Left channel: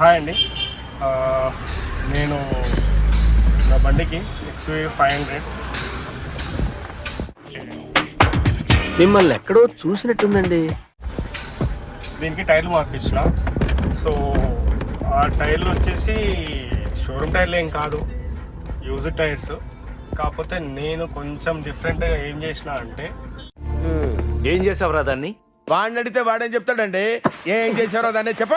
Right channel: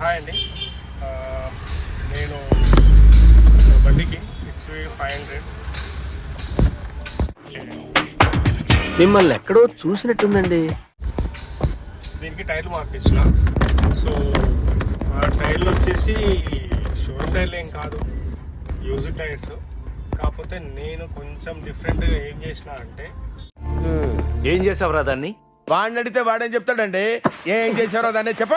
Hi అండి. నేను నా బండికి XUV 500 మిమ్మల్ని ఎక్కడో చూసినట్టుందండి. దీనికి టైర్లు మార్పించిన. సో ఆ టైర్లు వచ్చేసి షోరూమ్ టైర్లు ఏం కాదు, యూజ్డ్ టైర్స్. కాకపోతే నేను కొంచెం డిఫరెంట్గా ఏం చేసిన అంటే, ఏం చేసావురా దాన్ని? వాడిని అడిగితే వాడేం చెప్తాడండి. ఏం చేశారో దాన్ని చెప్ప.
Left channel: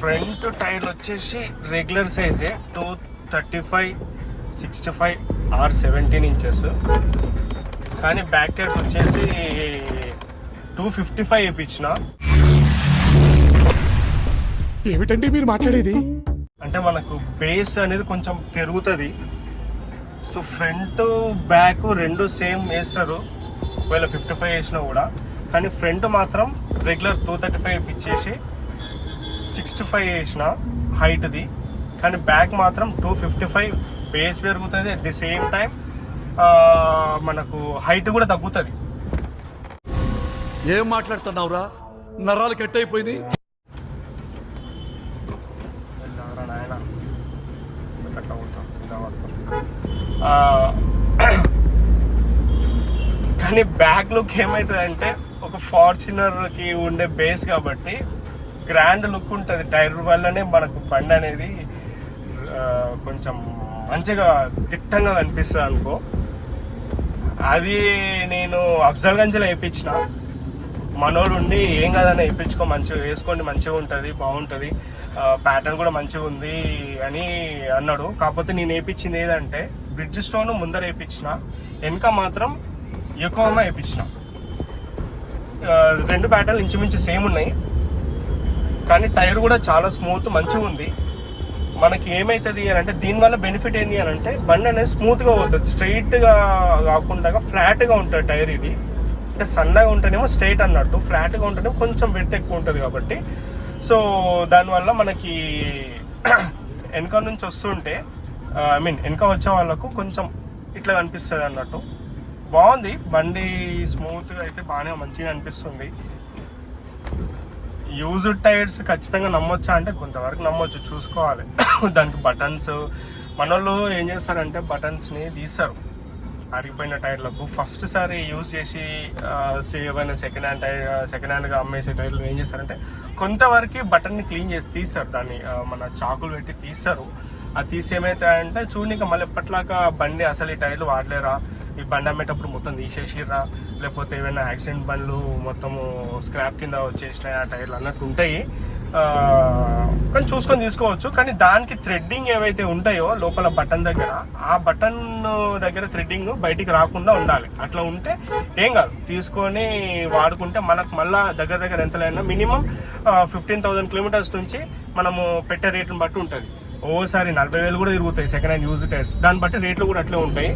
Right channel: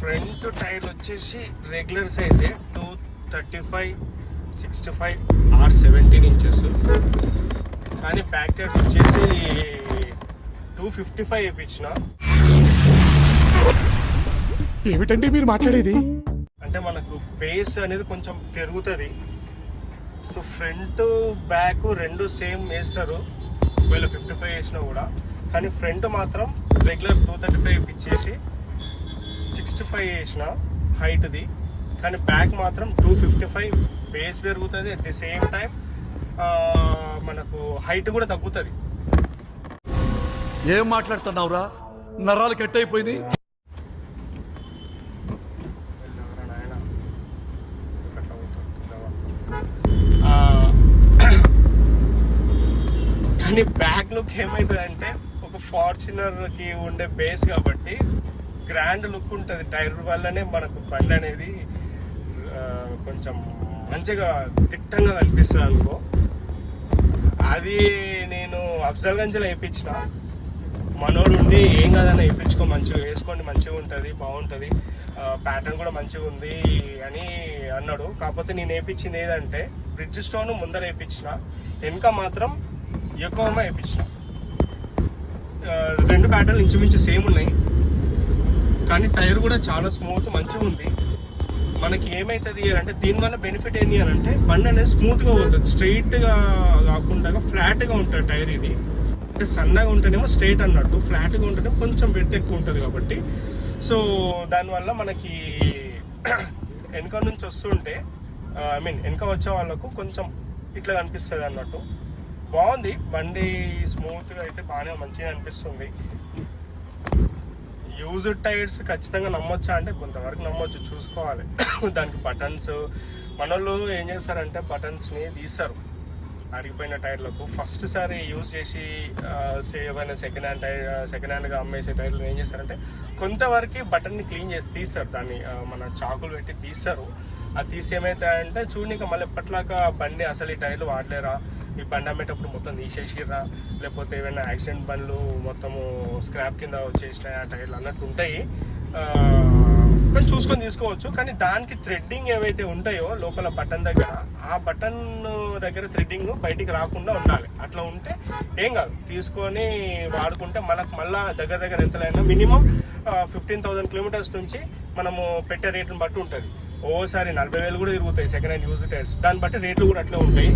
ఫ్రంట్ టైర్లు వచ్చేసి రెగ్యులర్ సైజే 235, 65 or 17 ఇంచెస్. కానీ బ్యాక్ టైర్స్ వచ్చేసి 255 వేయించిన. ఏమిటండి మీరు మాట్లాడేది? అంటే మనకు బేస్ అనేది కొంచెం పెరుగుతుంది. సో ఫ్రంట్ బ్యాక్ రెండు సేమ్ వేస్తారు ఒకవేళ 55 వేసినా కూడా. కానీ ఫ్రంట్ మాత్రం రెగ్యులర్ 235 వేయించేసి 65 వేసిన హైట్ది. కానీ బ్యాక్ మాత్రం 255 బేస్ పెరుగుతుంది. అట్ ది సేమ్ టైం మనకు హైట్ కూడా తగ్గుతుంది. ఏం మాట్లాడుతున్నావురా? నరాలు కట్ అయిపోయింది. కానీ బ్యాక్ లుక్ ఏమవుతుందంటే ఒక ఫార్చునర్కి ఉండే బేస్ కాబట్టి గ్రాండ్ లుక్ ఉంటుంది. టైర్ వల్లనే మనకు బండి అనేది కొంచెం మంచిగా దిట్టంగా కనిపిస్తుంది అనుకో. అది నేను అఫ్జల్గంజ్లో వేయించిన. మనోడు ఉండి ఏం కాదని వేయించుకో, మంచిగా వేసుకోండి, మంచిగా ఉంటుంది, బాగుంటుంది, ప్యాటర్న్ కూడా మంచిగా ఉంది అని అన్నాడు. కాకపోతే నేను వేయించింది ఏదంటే బ్రిడ్జ్ స్టోన్ ముందర వేయించిన, వెనక మాత్రం యోకోహామా వేయించిన. రెండు ప్యాటర్న్లు ఇంచుమించు సేమ్ ఉన్నాయి. కానీ టైర్ కూడా చాలా స్మూత్ మంచిగా ఉంది. మనకి ఏమవుతుంది అని అంటే దీనివల్ల బెనిఫిట్ ఏంటి అని అంటే బండి అనేది స్మూత్గా పోతుంది, స్ట్రైట్గా కాకుండా ఫ్లాట్గా ఉంటుంది టైర్. ఇది అంటే సన్నగా ఉంటేనేమో స్ట్రైట్ అన్నట్టు, ఫ్లాట్గా ఉంటేనేమో కొంచెం విడ్త్ ఎక్కువ ఉంటుంది కాబట్టి. సో దానివల్ల మనకి వెనక నుంచి వస్తుంటే వెనక వచ్చే వాళ్ళకు కొంచెం ఇట్లా కనిపిస్తుంది అన్నట్టు. బాగుంది బండి, స్మూత్గా అయితే బాగానే మంచిగా అనిపిస్తుంది. యూజ్డ్ టైర్స్ ఖచ్చితంగా నమ్మొచ్చా అంటే కొంతవరకు నమ్మొచ్చు, చూసుకోవాలి. దానికి బటన్స్ మన వాళ్ళు ఏం చేస్తారంటే బటన్స్ని తీస్తారు అరిగిపోయిన టైర్లకు. ఫస్ట్ సారి యూజ్ చేసి ఏమైనా సెకండ్ హ్యాండ్గా అమ్మేసే టైర్లు ఏం చేస్తారంటే కొంతవరకు బటన్ని క్లీన్ చేసి తీస్తారు, దాన్ని మన చాకులు పెట్టి తీస్తారు. అది తీసి ఏమవుతాయంటే చూడనిక మళ్ళీ ఎప్పట్లాగా బండి అసలు ఈ టైర్లు వాడలేరా, ఈ బండి అమ్మేటప్పుడు మొత్తం తీసేసిర్రా, లేకపోతే ఏమైనా యాక్సిడెంట్ బండ్లు మొత్తము స్క్రాప్ కింద వచ్చేసినాయి ఆ టైర్లు అన్నట్టు ఉంటాయి. కానీ చూసుకొని తీసుకోవచ్చు. కానీ దానికి థ్రెడ్డింగ్ ఏవైతే ఉంటాయో లోపల బటన్ దగ్గర, ఆ బటన్ దగ్గర థ్రెడ్డింగ్ బయటికి రాకుండా ఉండాలి. అట్లా ఉంటే ఏం కాదు, తీసుకొని వాడుకుంటే మనకు మళ్ళీ దగ్గర ఎంతలైనా మినిమం 15,000 కిలోమీటర్స్ నుంచి మనము పెట్టే రేట్ని బట్టి ఉంటుంది. ఓసారి 40,000 కూడా తిరుగుతాయి సెకండ్ హ్యాండ్ యూజ్ టైర్స్. దాన్ని బట్టి రేట్లు కూడా అట్లే ఉంటాయి.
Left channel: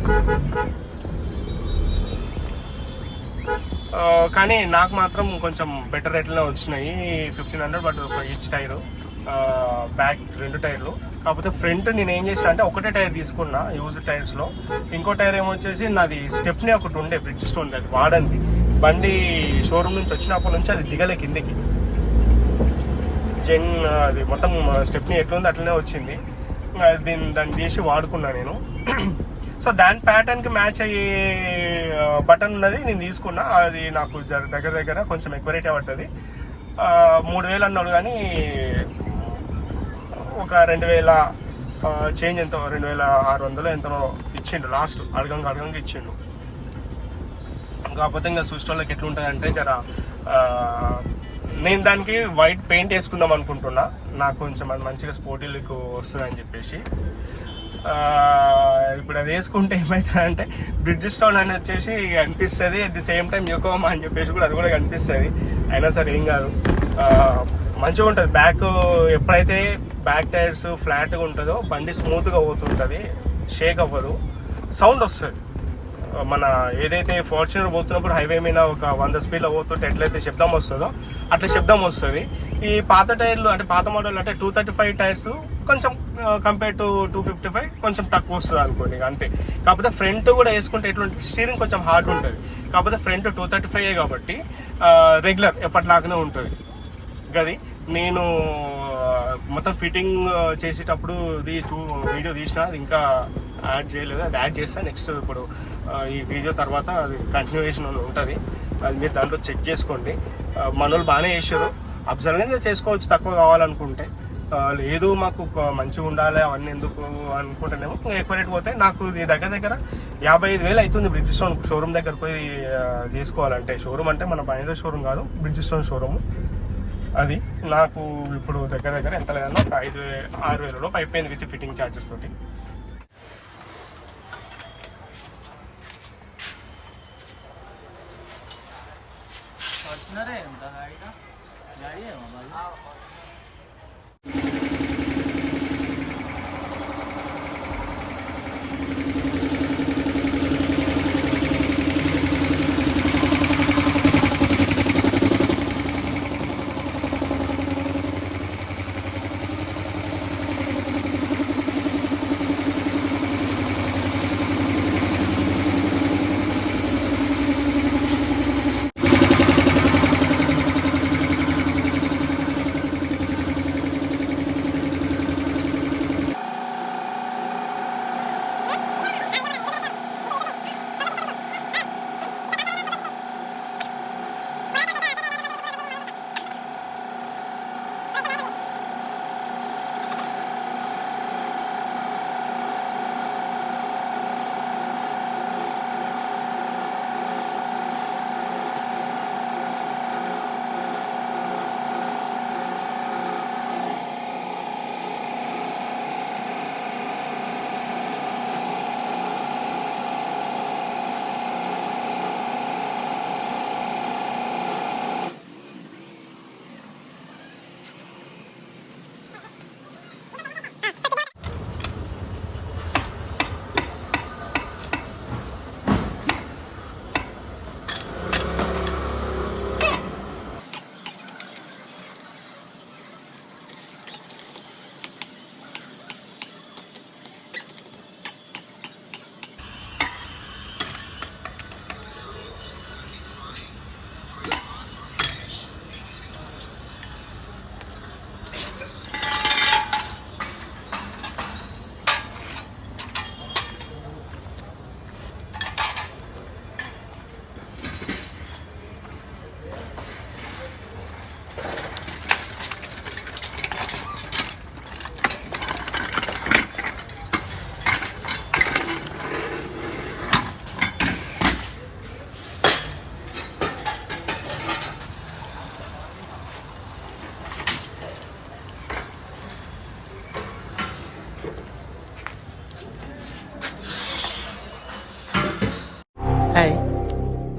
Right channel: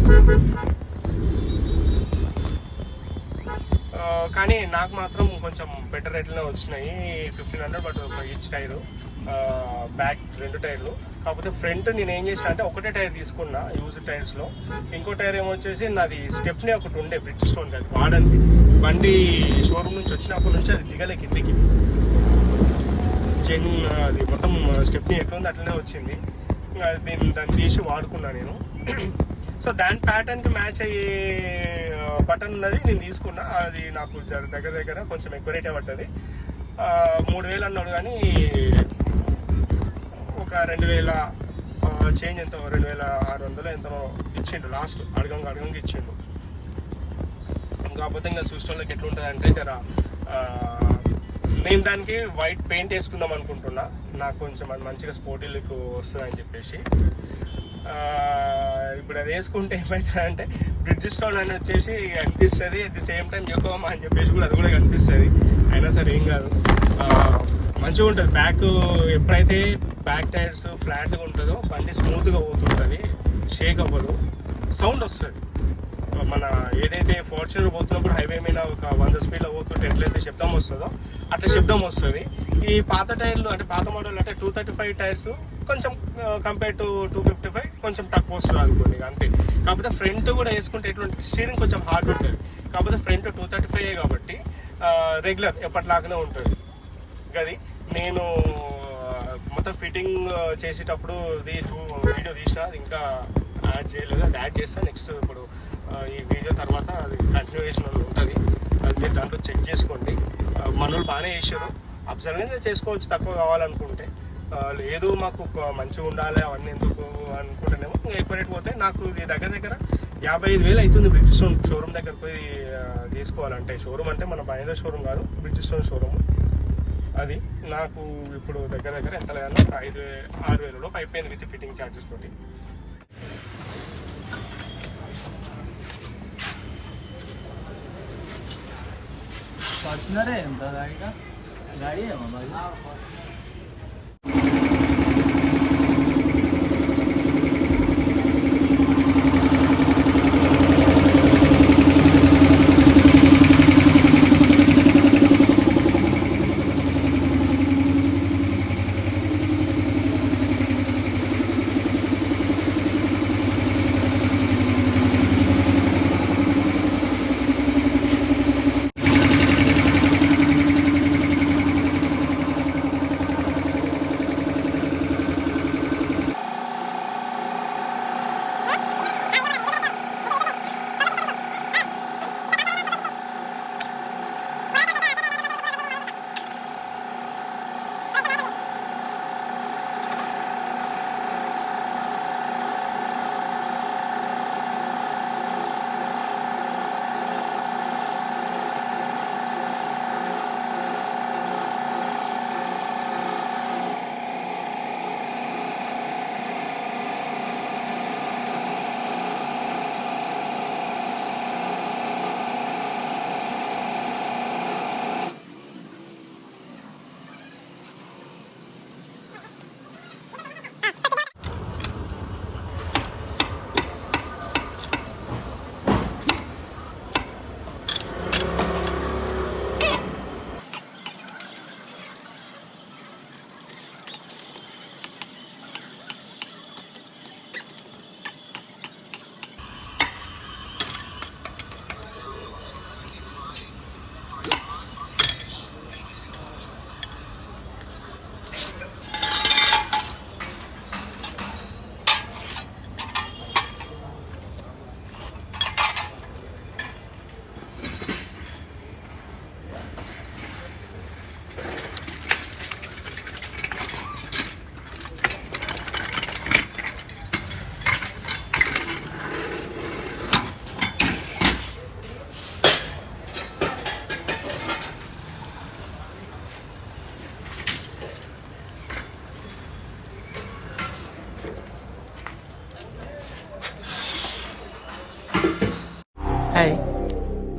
కానీ నాకు మాత్రం కొంచెం బెటర్ రేట్లోనే వచ్చినాయి. 1,500 బట్ ఈచ్ టైరు, బ్యాక్ రెండు టైర్లు. కాకపోతే ఫ్రంట్ నేను ఏం చేసిన అంటే ఒకటే టైర్ తీసుకున్నా యూజ్ టైర్స్లో. ఇంకో టైర్ ఏమొచ్చేసి నాది స్టెప్ని ఒకటి ఉండే బ్రిడ్జ్ స్టోన్, అది వాడండి బండి షోరూమ్ నుంచి వచ్చినప్పటి నుంచి అది దిగలే కిందికి. అది మొత్తం స్టెప్ని ఎట్లుంది అట్లనే వచ్చింది. దాన్ని తీసి వాడుకున్నా నేను. సో దాని ప్యాటర్న్కి మ్యాచ్ అయ్యే బటన్ ఉన్నది నేను తీసుకున్నా. అది నాకు దగ్గర కొంచెం ఎక్కువ రేట్ పడుతుంది. 3,000 అన్నాడు, కానీ ఒక 2,000 చేంజ్ ఎంతో 2,600 ఎంతో ఇచ్చిండు లాస్ట్. అడగంగా ఇచ్చిండు. కాకపోతే ఇంకా సూస్టోళ్ళకి ఎట్లుంటుందంటే నేను దానికి వైట్ పెయింట్ వేసుకుందాం అనుకుంటున్నా. నాకు కొంచెం అది మంచిగా స్పోర్టీ లుక్ వస్తుందని చెప్పేసి. ఇప్పుడు అది వేసుకుంటే ఏమవుతుందంటే బ్రిడ్జ్ స్టోన్ అని వచ్చేసి కనిపిస్తుంది, at the same time Yokohama అని చెప్పేసి కూడా అది కూడా కనిపిస్తుంది. అయినా సరే ఏం కాదు, మంచిగా ఉంటుంది. ఎప్పుడైతే బ్యాక్ టైర్స్ ఫ్లాట్గా ఉంటుందో బండి స్మూత్గా పోతుంటుంది, షేక్ అవ్వదు, సౌండ్ వస్తుంది. మన ఏదైతే ఫార్చునర్ పోతున్నప్పుడు హైవే మీద ఒక 100 స్పీడ్లో పోతుంటే ఎట్లయితే శబ్దం వస్తుందో అట్లా శబ్దం వస్తుంది. ఈ పాత టైర్లు అంటే పాత మోడల్ అంటే 235 టైర్స్ కొంచెం కంపేర్ టు 255 కొంచెం తక్కువ వస్తుంది అనుకోండి, అంతే. కాకపోతే ఫ్రంట్ కూడా వేసుకుంటే ఎట్లుంటుంది, స్టీరింగ్ కొంచెం హార్డ్ ఉంటుంది. కాకపోతే ఫ్రంట్ 235 కాబట్టి రెగ్యులర్ ఎప్పటిలాగానే ఉంటుంది. అది నేను మొత్తం ఫిట్టింగ్ చేసేటప్పుడు వీడియో తీసిన అది ఇంకా యాడ్ చేయలేదు. అది యాడ్ చేస్తే నెక్స్ట్ ఇప్పుడు ఈ వీడియో తర్వాత అది కంటిన్యూయేషన్ అని ఉంటుంది. అది మీరు దాంట్లో చెక్ చేసుకోండి. మనోళ్ళు బాగానే చేశారు, అబ్జర్వేషన్ చేసుకోవచ్చు తక్కువ కావాలనుకుంటే. లేదు మాకు మంచిగా ఉండాలి అవన్నీ ఎందుకు అనుకుంటేనేమో ఎక్కువ రేట్ పోతే నాకు దగ్గర 55,000 అవుతుంది బ్రిడ్జిస్టోన్ షోరూమ్ దగ్గర పోయి తీసుకోవాలంటే. షోరూమ్ అంటే మన బైనరీ షోరూమ్ కాదు, బ్రిడ్జిస్టోన్ షోరూమ్. అది నాకు ఇప్పుడు దగ్గర ఎంత లేదన్నా ఒక 5,000-6,000 లోపు అయిపోయింది విత్ ఫిట్టింగ్ ఛార్జెస్ తోటి.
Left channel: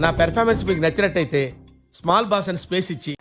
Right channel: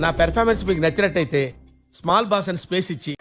నా పెర్ఫార్మెన్స్ మీకు నచ్చినట్టయితే స్మాల్ బాస్ అని స్పేస్ ఇచ్చి